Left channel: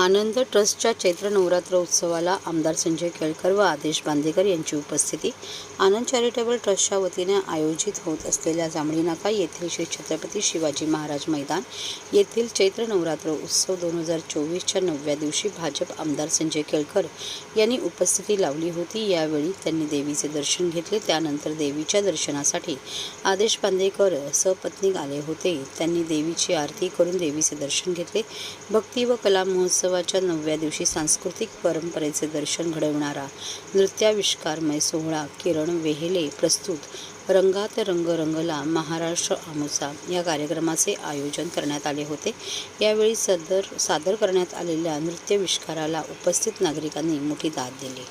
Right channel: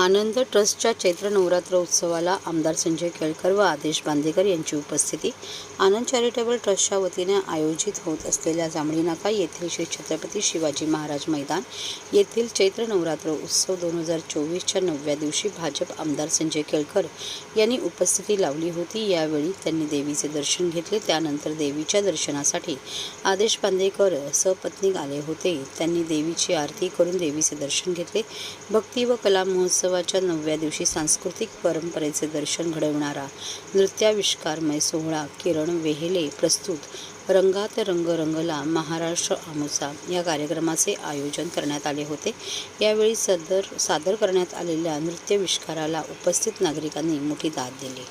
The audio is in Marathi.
आनंद ट्रस्टच्या चैत्र नवरात्र उत्सवाला आमदार संजय केळकर व आदेश बांदेकर यांची उपस्थिती। आनंद चॅरिटेबल ट्रस्टच्या वतीने आयोजित होत असलेल्या जांभळी नाका येथील श्री छत्रपती शिवाजी महाराज मैदान येथील चैत्र नवरात्र उत्सव 2024च्या 9व्या दिवशी भाजप आमदार संजय केळकर यांनी उपस्थिती लावली होती। यावेळी त्यांनी देवीचे दर्शन घेतले। त्यानंतर देवीच्या दर्शनासाठी आदेश बांदेकर सपत्नीक आले होते। त्यांनी देवीची आरती करून देवीचे दर्शन घेतले। भक्ती व कला महोत्सवाच्या 9व्या दिवशी सांस्कृतिक परंपरेचे दर्शन घडवणारा नृत्याविष्कारमय सोहळा किरण वेहेले प्रस्तुत रंगात रंग रंगला महाराष्ट्र आमोसा या कार्यक्रमाचे आयोजन करण्यात आले होते। यावेळी सादर करण्यात आलेल्या नृत्याविष्काराला उपस्थित नागरिकांनी मोठी दाद दिली।